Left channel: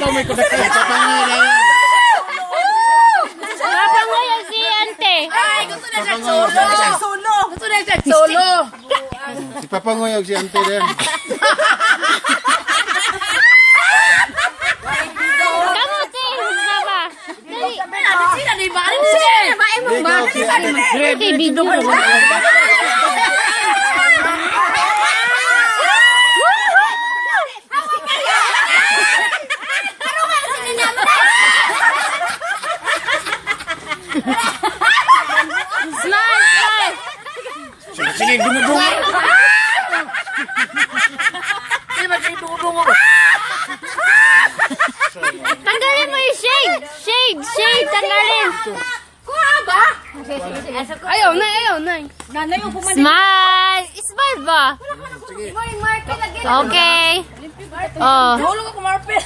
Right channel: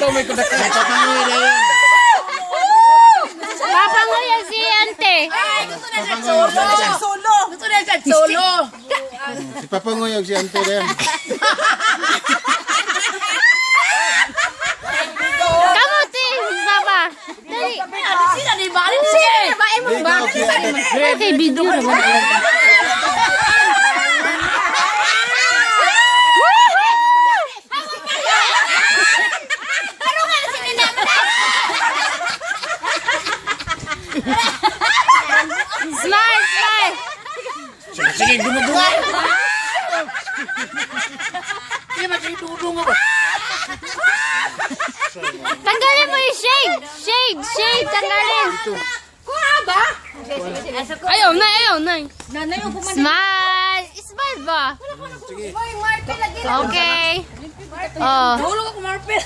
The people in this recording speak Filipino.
ikaw may kudakan. Papangoy na yan. Papangayan si Ante. Ay, gusto na siya solo. Gusto na siya solo. Si Papangoy o si Ante na yan. Kamote. Hindi ba? Ano sila ni ba? Ano sila? Ikaw si Ante. Ate, bido na ba? Slide! Sige, dumudungo. Hindi ba siya itudong mo? Tanggalin mo yung shade! Shade! Tanggalin! Kuha ba? Ayaw na. Nanay, upo man. Smile! Smile ba? May marpe lagi. Okay. Oh. Tulog ako marpe.